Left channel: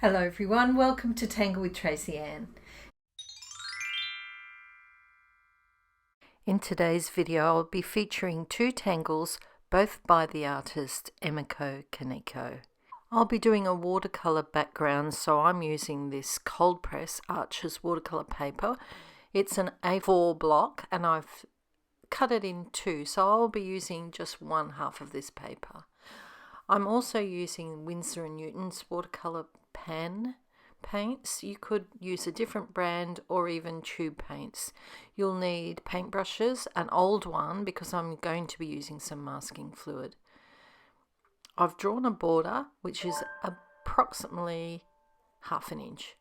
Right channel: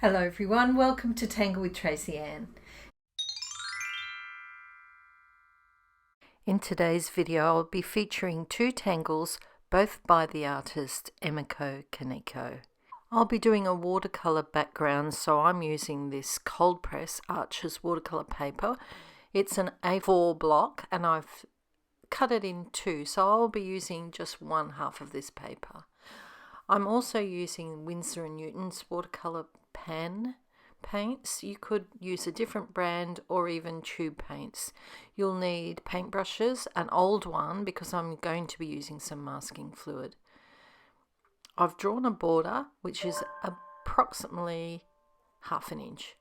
Hello everyone, welcome to Tangle with Tracy Anne. In today's video I'll be featuring two tangles, both by the artist Emiko Kaneko. I'll be doing a watercolour background, so I'm using this cold press Arches watercolour paper. It's an A4 block and I've cut it in two, so I'll be using just one half of this paper. I'm also using Windsor and Newton's watercolour pan paints. You could use a different brand or even tube paints. You'll need paintbrushes, an old one because I'm going to be using some masking fluid. I've drawn a border which is approximately ½ inch,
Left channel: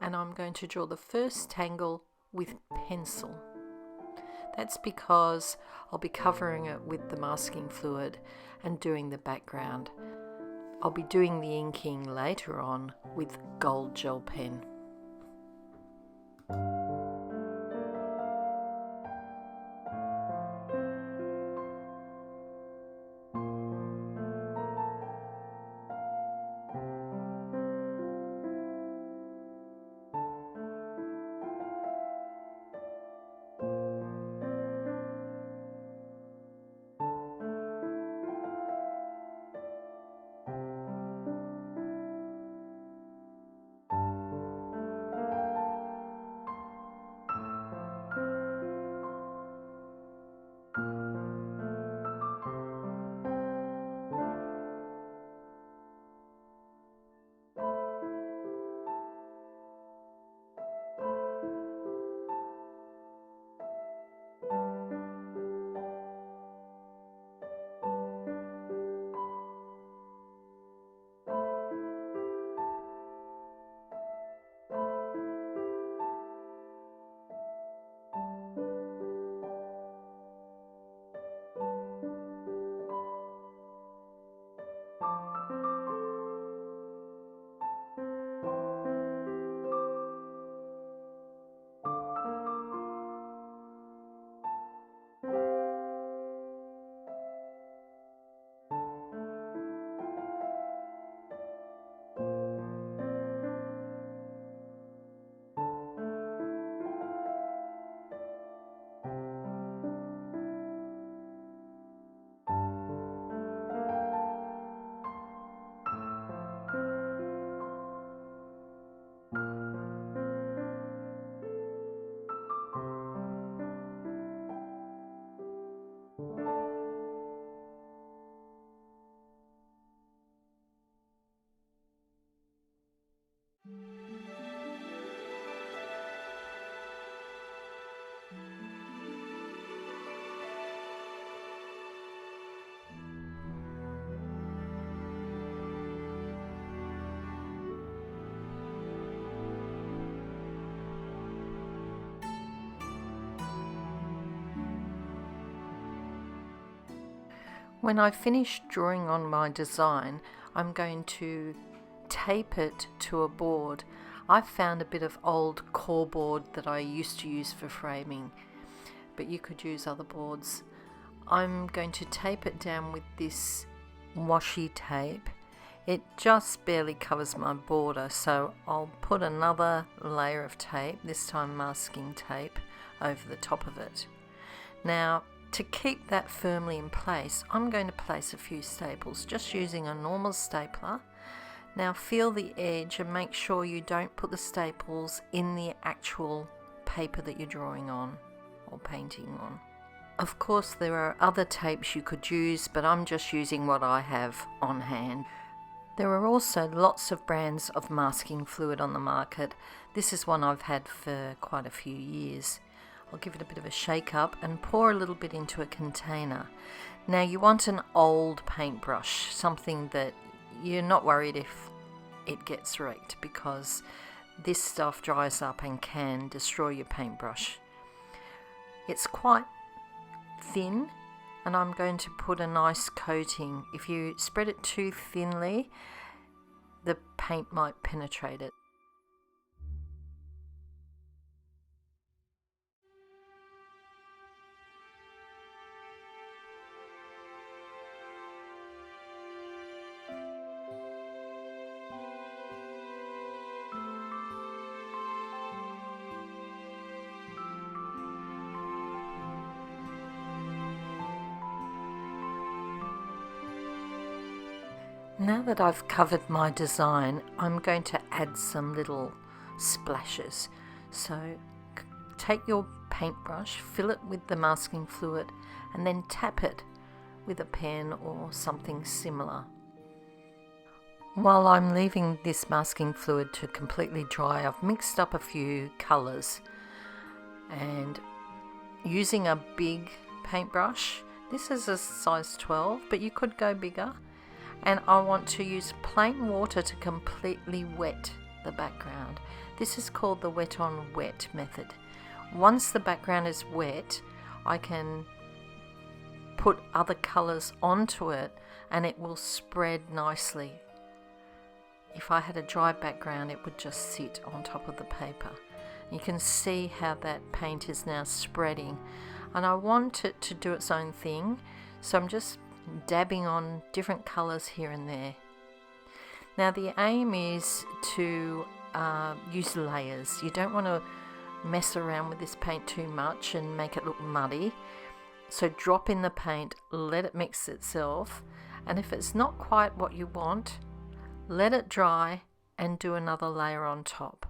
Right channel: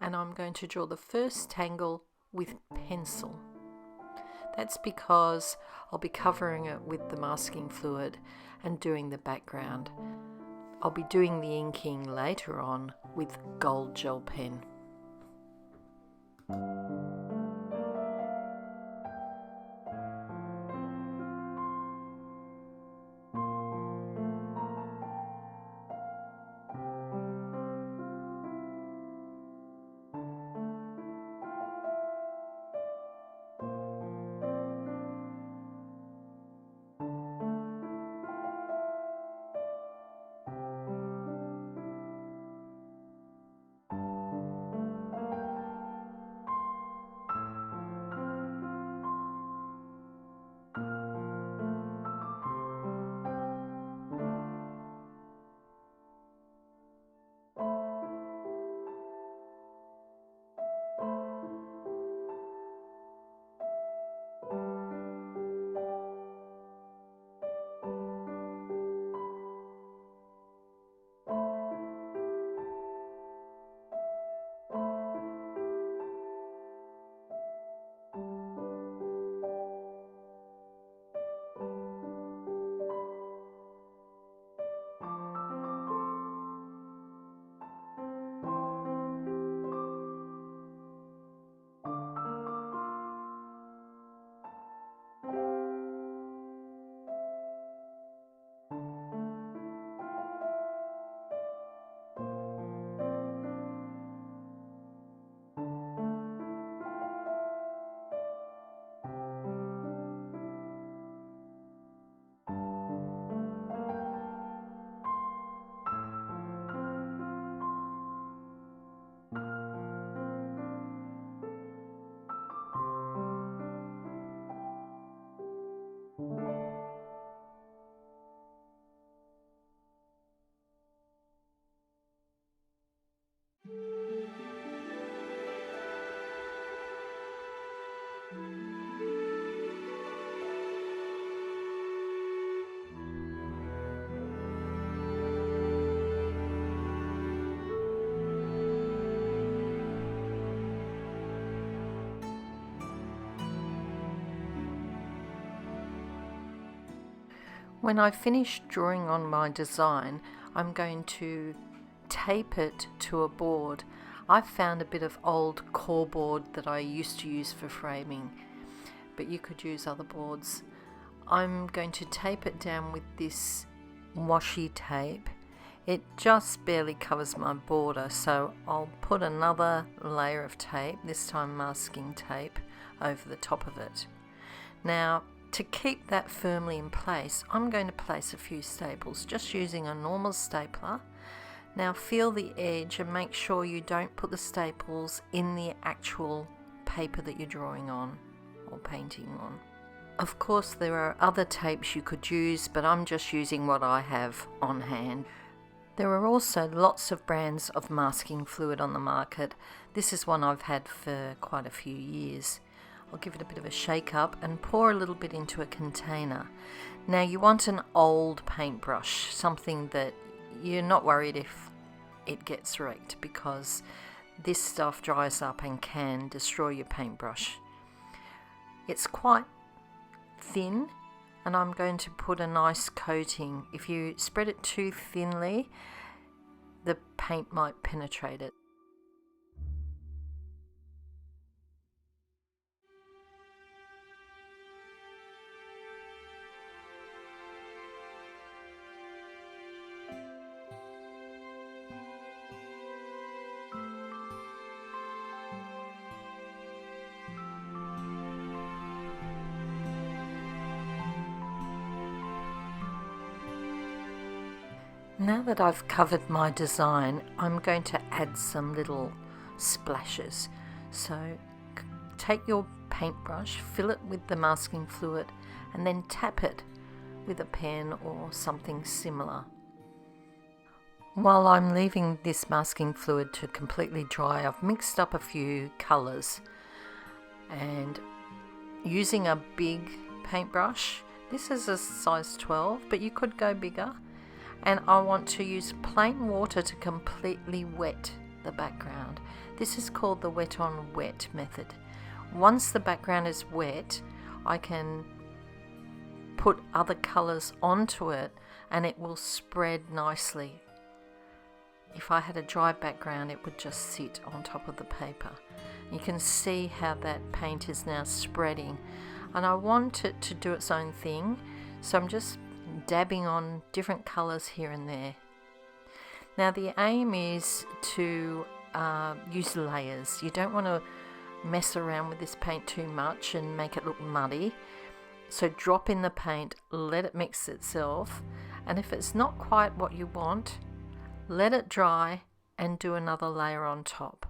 and I'm going to draw the first tangle with pencil. That's because I'll be covering it with the masking fluid and doing the background. I'll be doing the inking later on with gold gel pen. When I finish drawing on my design, I'm going to tape it to a board. I've found a bit of old core board that I used to use for framing, but you could use other boards. I'm going to tape it down with this washi tape. It just barely covers my border, so I'll put another layer of tape, this time masking tape, over the top of it. Now, to keep that firmly in place, I'm going to place a few staples, just using a normal stapler. Now feel the edge and make sure you don't put the staples in the actual paper that you're drawing on or painting on. Of course there are other tapes you could use, but I'm just using what I have on hand. There are also lots of brands of masking fluid on the market. This is one I've had for quite a few years. I'll give it a bit of a shake up and pour a little bit into a container. Now you want an old paintbrush, something that you're not worried if it gets wrecked, because this stuff dries up and can destroy your paintbrush. It's quite thin and I'm going to put a nice coating. If you spread it too thinly, the paint might penetrate it. Now that I've covered my design, I'm going to add some little splashes. So take your paintbrush, fill it with the masking fluid, and then tap it with a pen or something similar. While I'm leaving this masking fluid to completely dry, I've mixed up a few colours, and using a big paintbrush, this is a size 12, but you could go bigger, and I want to use plain water to completely wet the background. This is called the wet on wet method. Once the background is wet, I can put other colours onto it and it will spread nicely. If I had a dry background, it would just sit on top of the paper. You can see how that paint is now spreading, and I want it to do its own thing, so I'm just dabbing on different colours here and there. Now the aim is to use layers. You don't want to mess around with this paint too much and make it look muddy. So drop in the paint, let it mix itself, and if it's not quite what you want, let it dry and do another layer on top.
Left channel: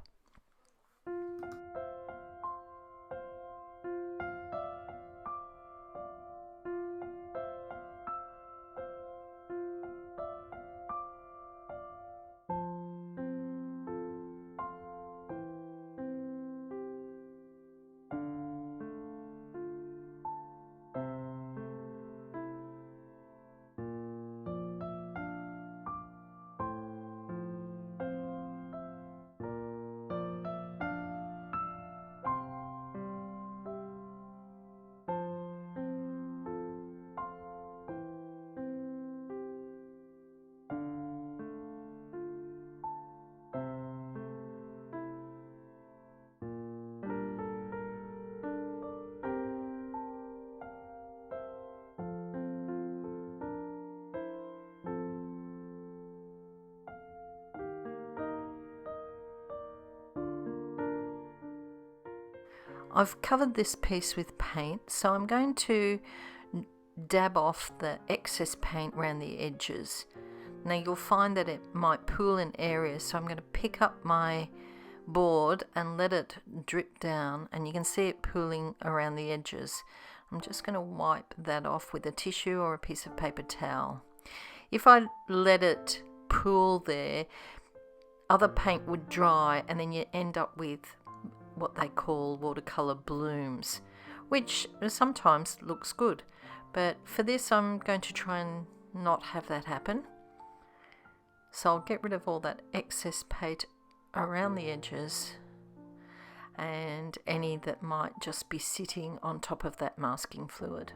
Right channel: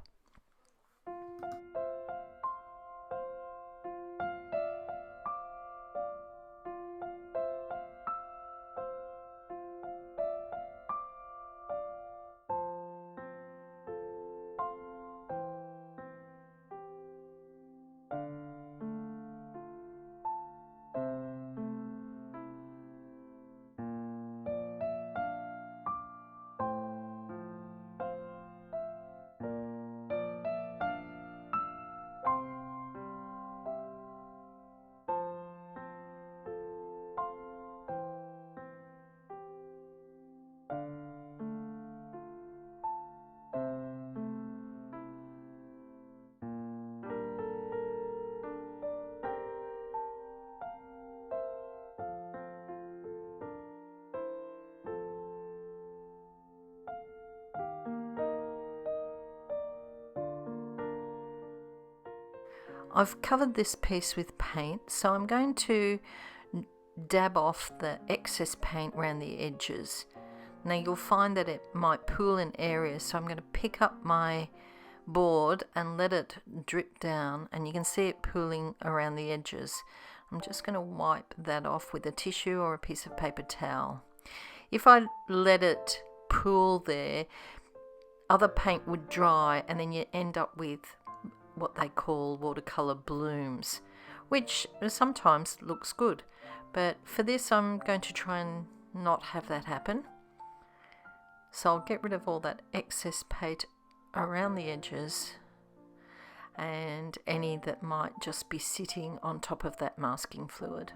I've covered this piece with paint, so I'm going to dab off the excess paint around the edges. Now you'll find that it might pool in areas, so I'm going to pick up my board and let it drip down, and you can see it pooling around the edges. I'm just going to wipe that off with a tissue or a piece of paper towel. If I let it pool there, other paint would dry and then you end up with what they call watercolour blooms, which sometimes looks good, but for this I'm going to try and not have that happen. So I'll get rid of all that excess paint around the edges and any that might just be sitting on top of that masking fluid.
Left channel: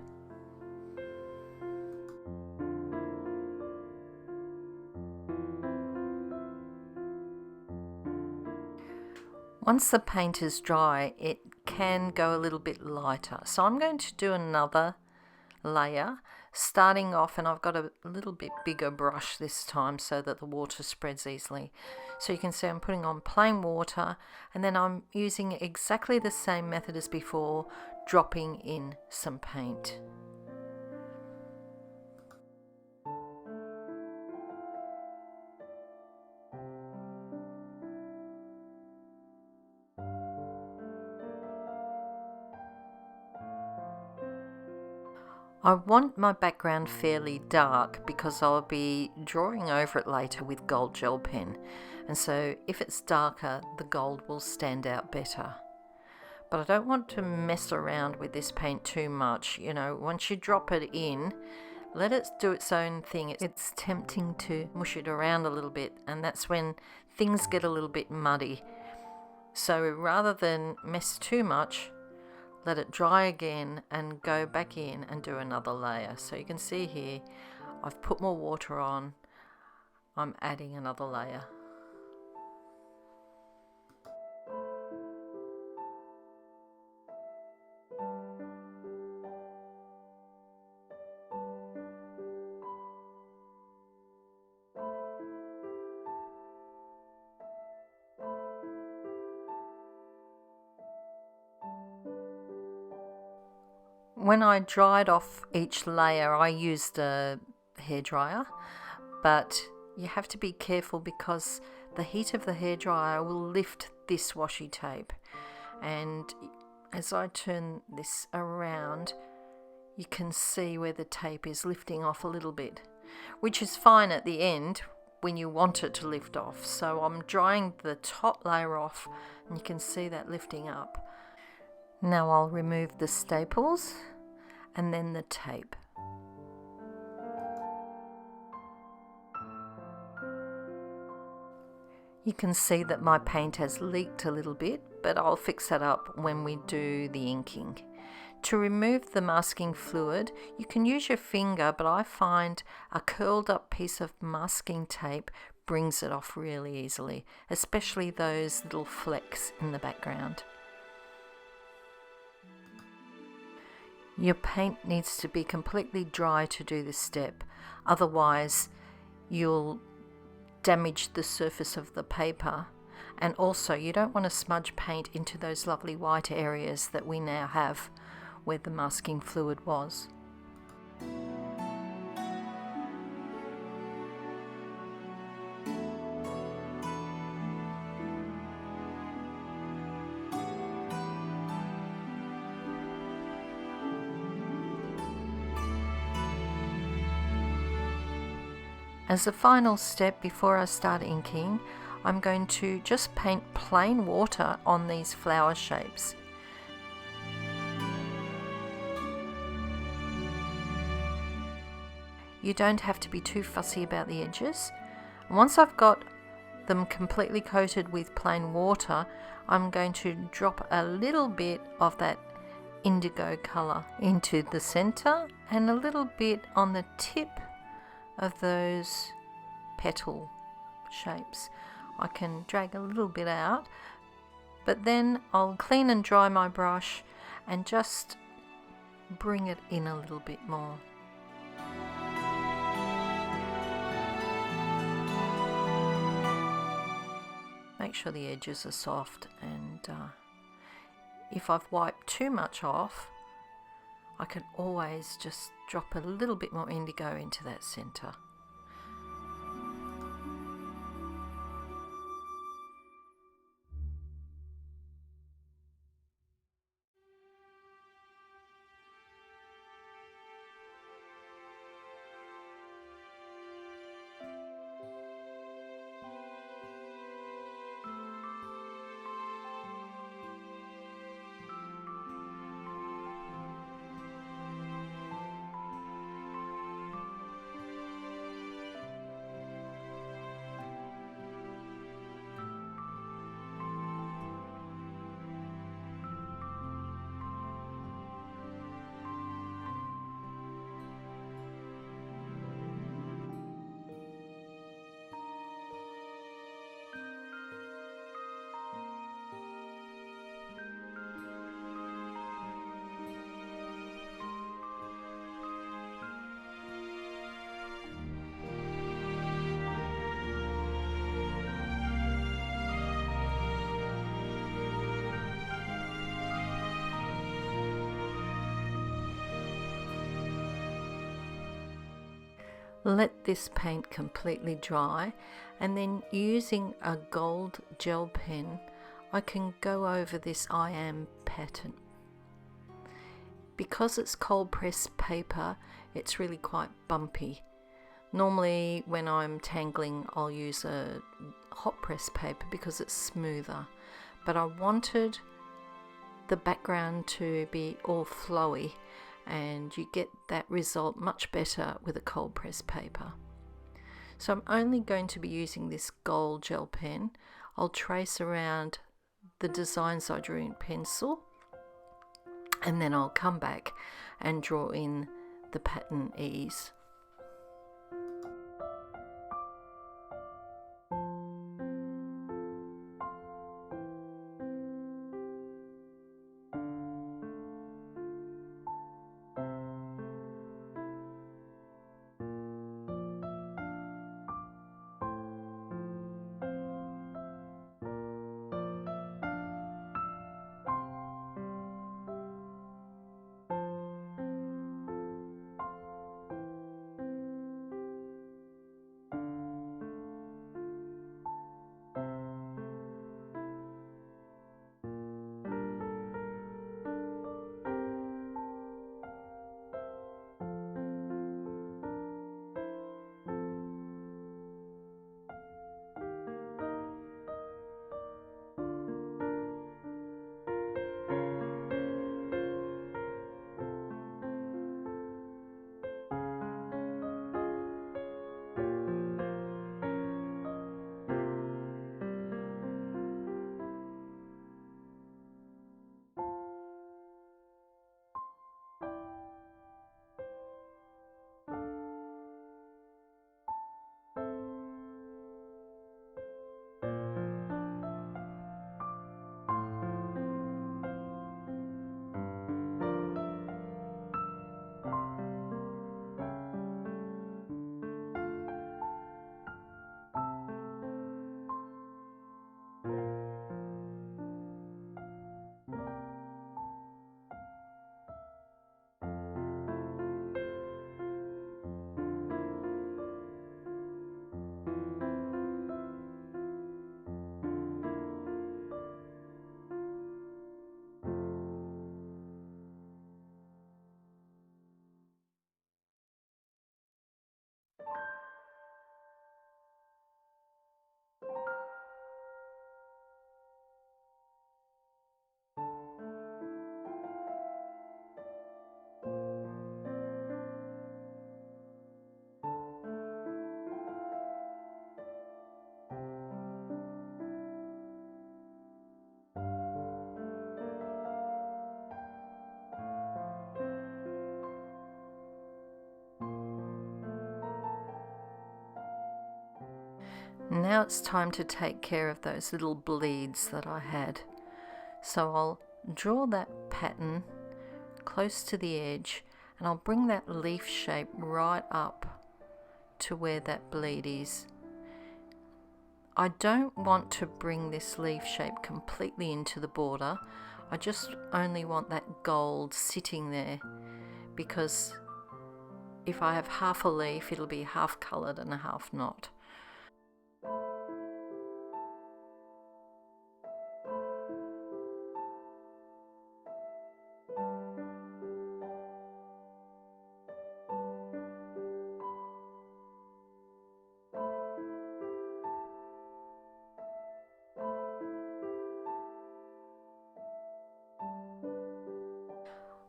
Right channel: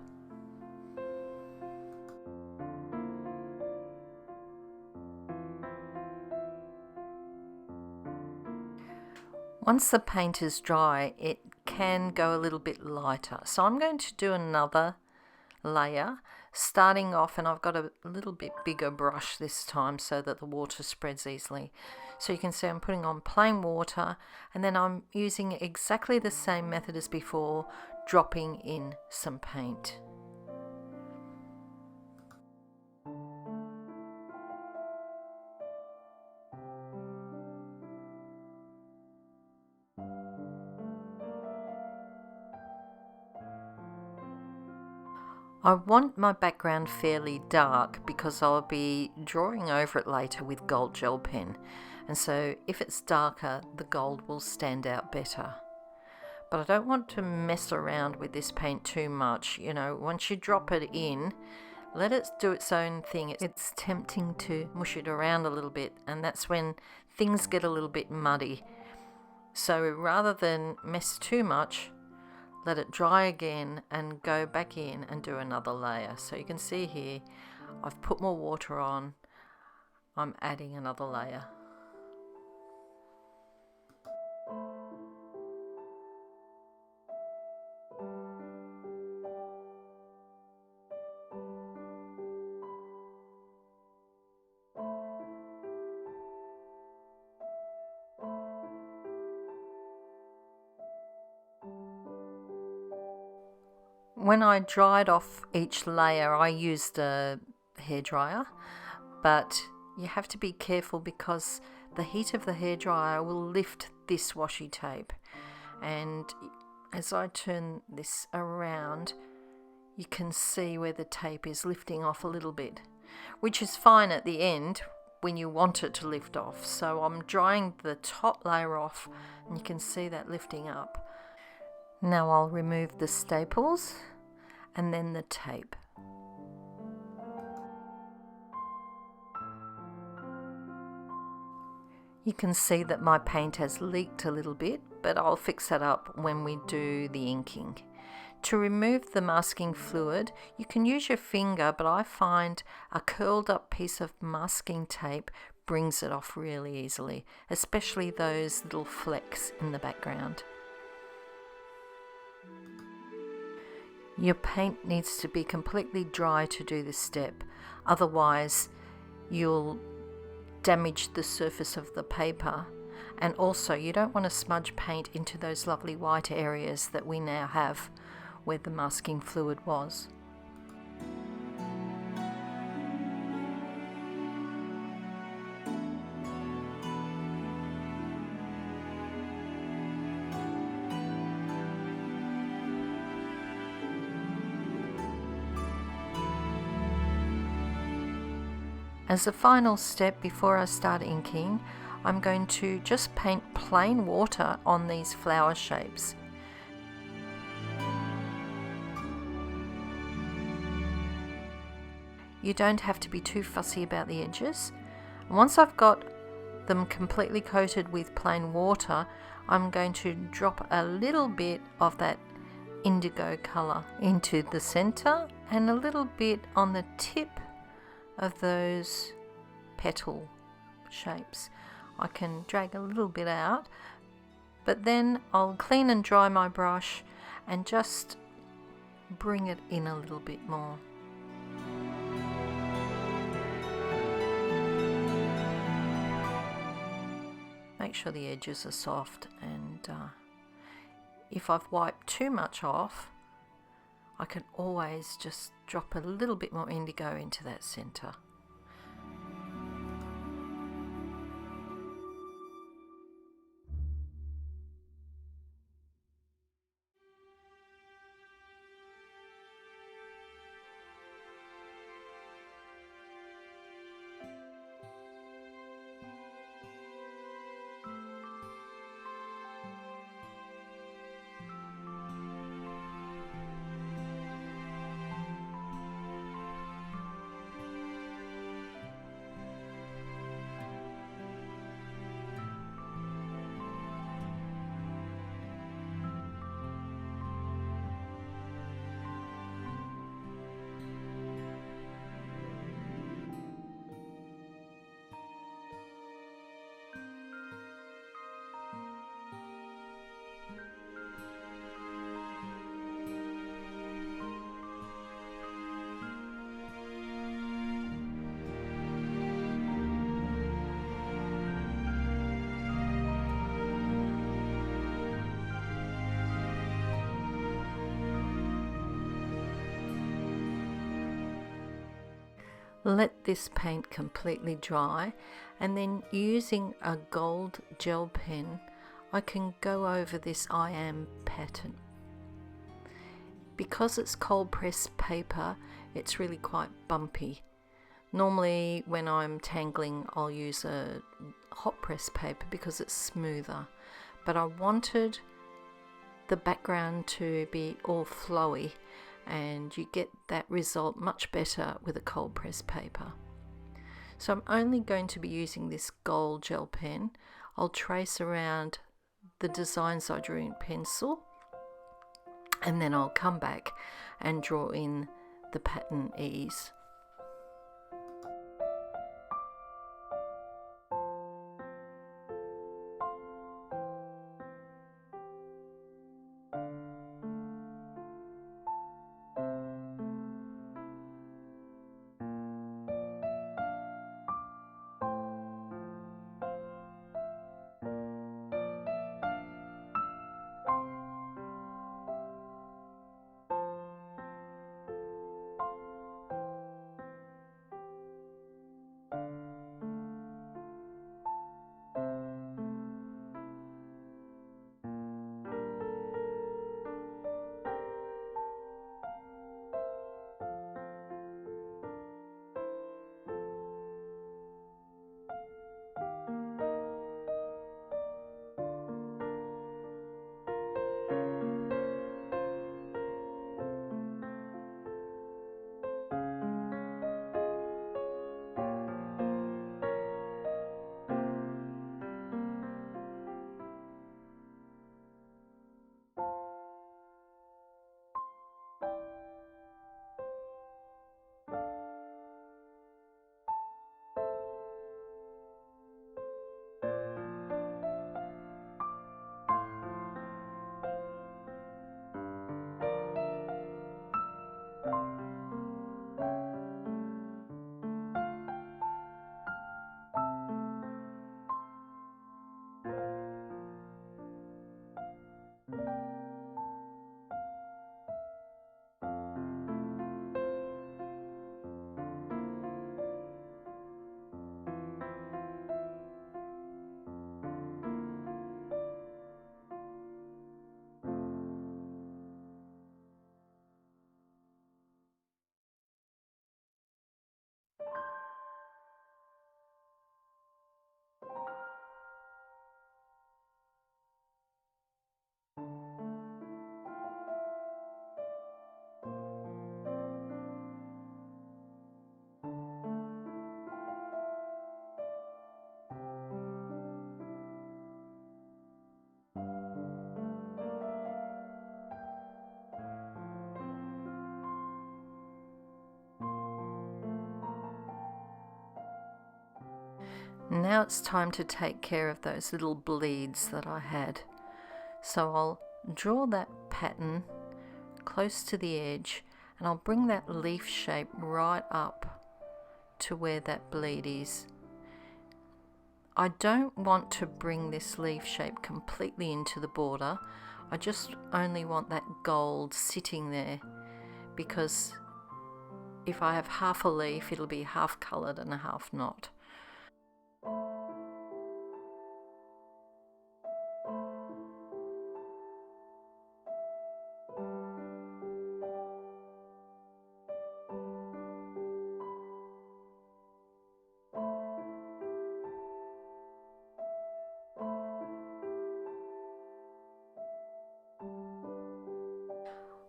Once the paint is dry, it can go a little bit lighter. So I'm going to do another layer, starting off, and I've got a little bit bigger brush this time so that the water spreads easily. So you can see I'm putting on plain water, and then I'm using exactly the same method as before, dropping in some paint. I want my background fairly dark because I'll be drawing over it later with gold gel pen, and so if it's darker the gold will stand out better. But I don't want to mess around with this paint too much. You know, once you drop it in, let it do its own thing. It's tempting to mush it around a little bit, and that's when things get a little bit muddy. So rather than mess too much, let it dry again and go back in and do another layer. So you can see here, I've put more water on, I'm adding another layer. When I dried off each layer, I used a hairdryer, but you have to be careful because the heat of the hairdryer will lift this washi tape, and as I turn this around you can see where the tape is lifting off a little bit, which is fine at the end when you want it to lift off. So I'm drying the top layer off and you can see that lifting up. Now I'll remove the staples and then the tape. You can see that my paint has leaked a little bit, but I'll fix that up when we do the inking. To remove the masking fluid, you can use your finger, but I find a curled up piece of masking tape brings it off really easily, especially those little flecks in the background. Your paint needs to be completely dry to do this step, otherwise you'll damage the surface of the paper, and also you don't want to smudge paint into those lovely white areas that we now have where the masking fluid was. As a final step before I start inking, I'm going to just paint plain water on these flower shapes. You don't have to be too fussy about the edges. Once I've got them completely coated with plain water, I'm going to drop a little bit of that indigo colour into the centre and a little bit on the tip of those petal shapes. I can drag a little bit out, but then I'll clean and dry my brush and just bring it in a little bit more. Make sure the edges are soft, and if I've wiped too much off, I can always just drop a little bit more indigo into that centre. Let this paint completely dry, and then using a gold gel pen I can go over this Ayame pattern. Because it's cold pressed paper, it's really quite bumpy. Normally when I'm tangling I'll use a hot press paper because it's smoother, but I wanted the background to be all flowy, and you get that result much better with a cold press paper. So I'm only going to be using this gold gel pen. I'll trace around the designs I drew in pencil, and then I'll come back and draw in the pattern ease. Now it's time to take care of those little bleeds that I had. So I'll draw that pattern close to the edge, and I'll bring that leaf shape right up to where that bleed is. I don't want to bring this leaf shape completely into the border. I just only want that gold sitting there, because if I have half a leaf, it'll be half coloured and half not.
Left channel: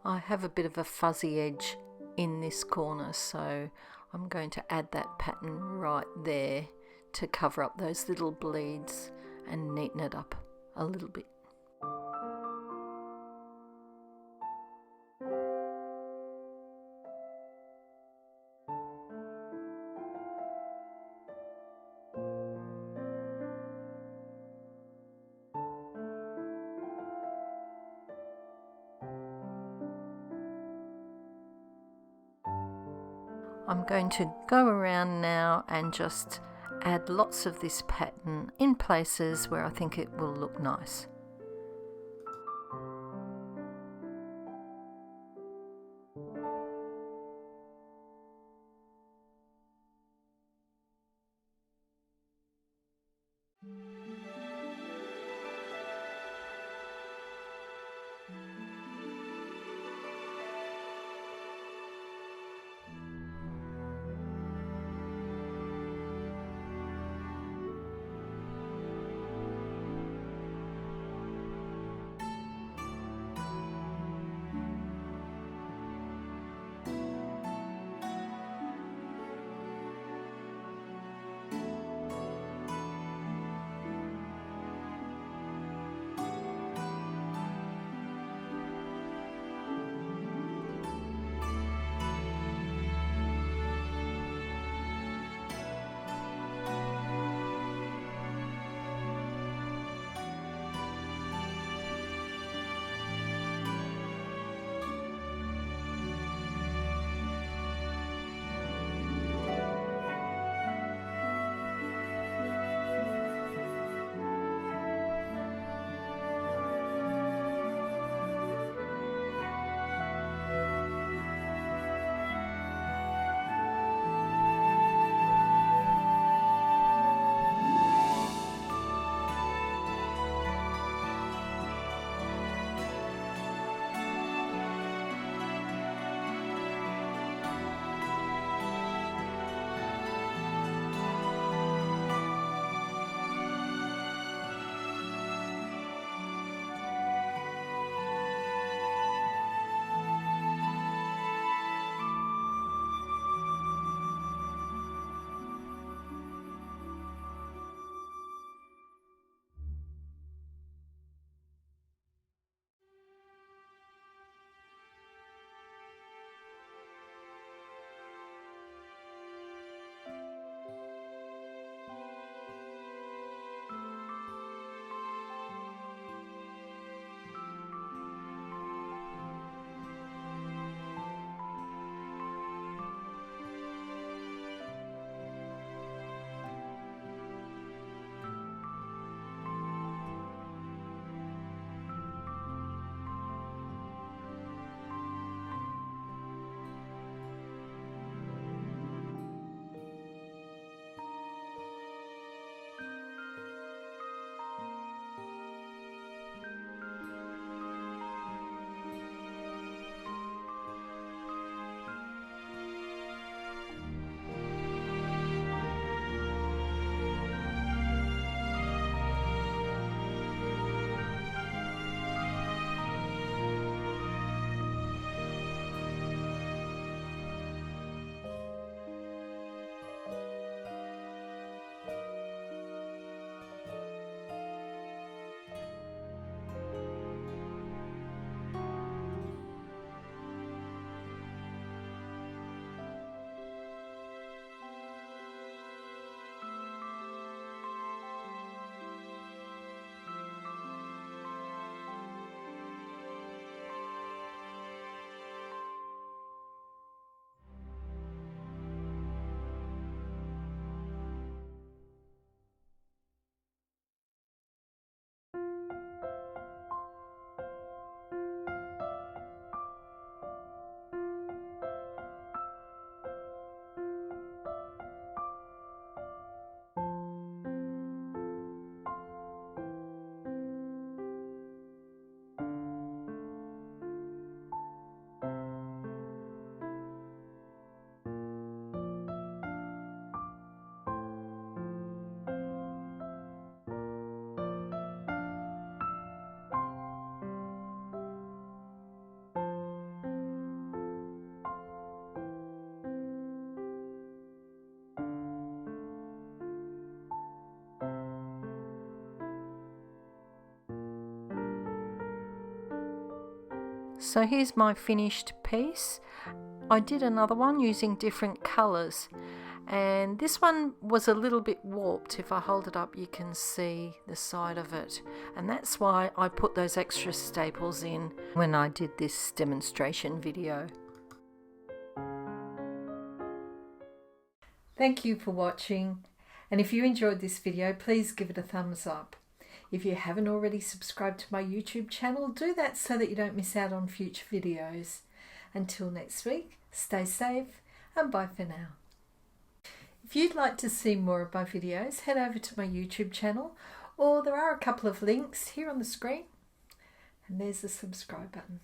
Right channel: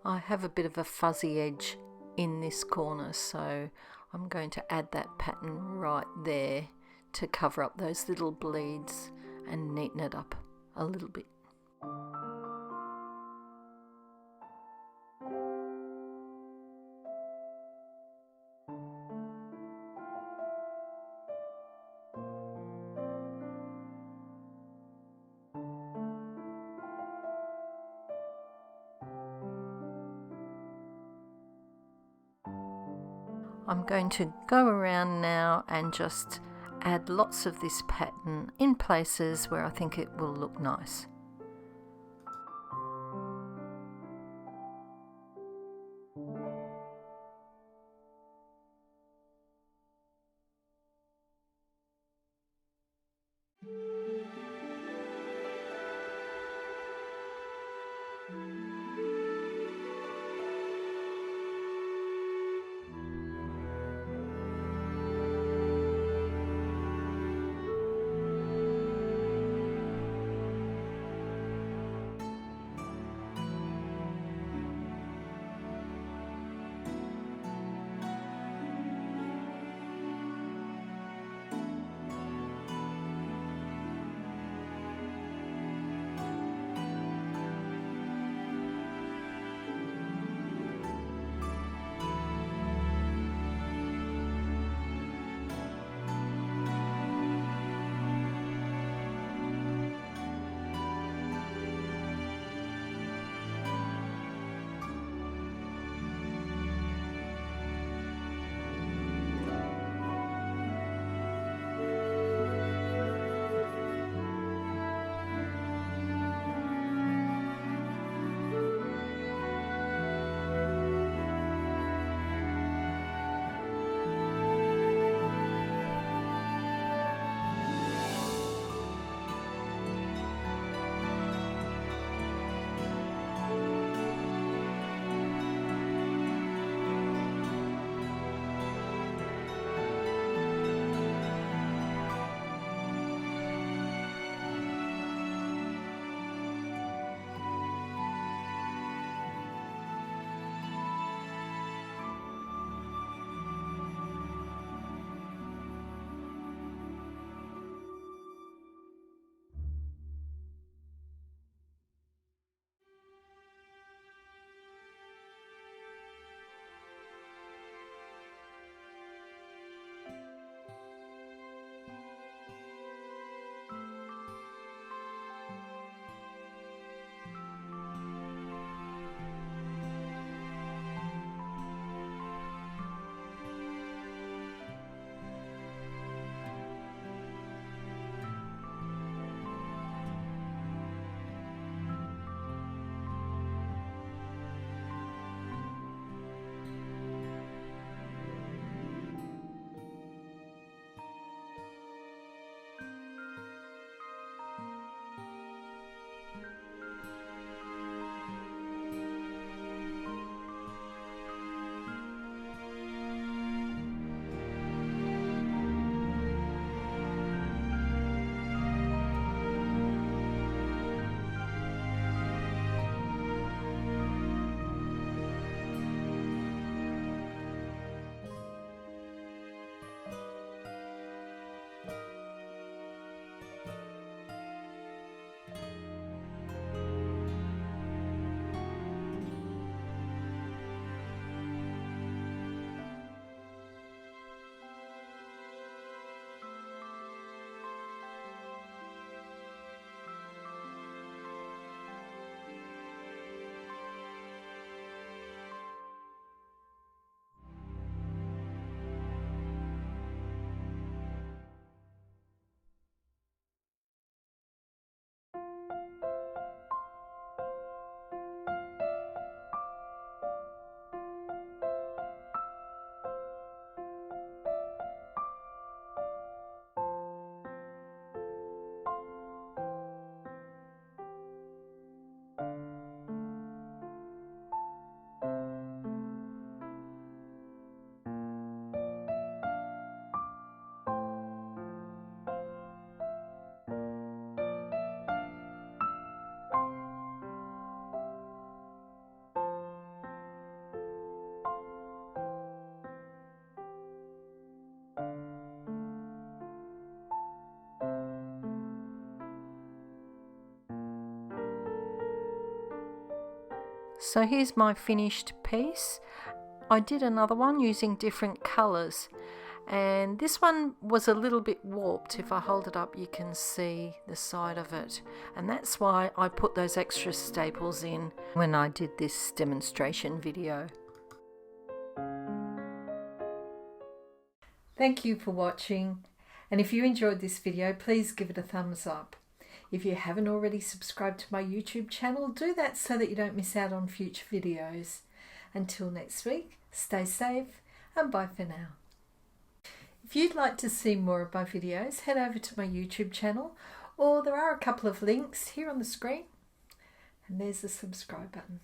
I have a bit of a fuzzy edge in this corner, so I'm going to add that pattern right there to cover up those little bleeds and neaten it up a little bit. I'm going to go around now and just add lots of this pattern in places where I think it will look nice. So here's my finished piece. I did another one using different colours, and this one was a little bit warped. If I hold it up you can see the side of it, and that's why I put those extra staples in when I did this demonstration video. Thank you for watching, and if you enjoyed this video please give it a thumbs up. If you haven't already subscribed to my YouTube channel, do that so that you don't miss out on future videos. Until next week, stay safe and bye for now. If you'd like to see more of my videos, head over to my YouTube channel, or there are a couple of links here on the screen, and there's the subscribe button.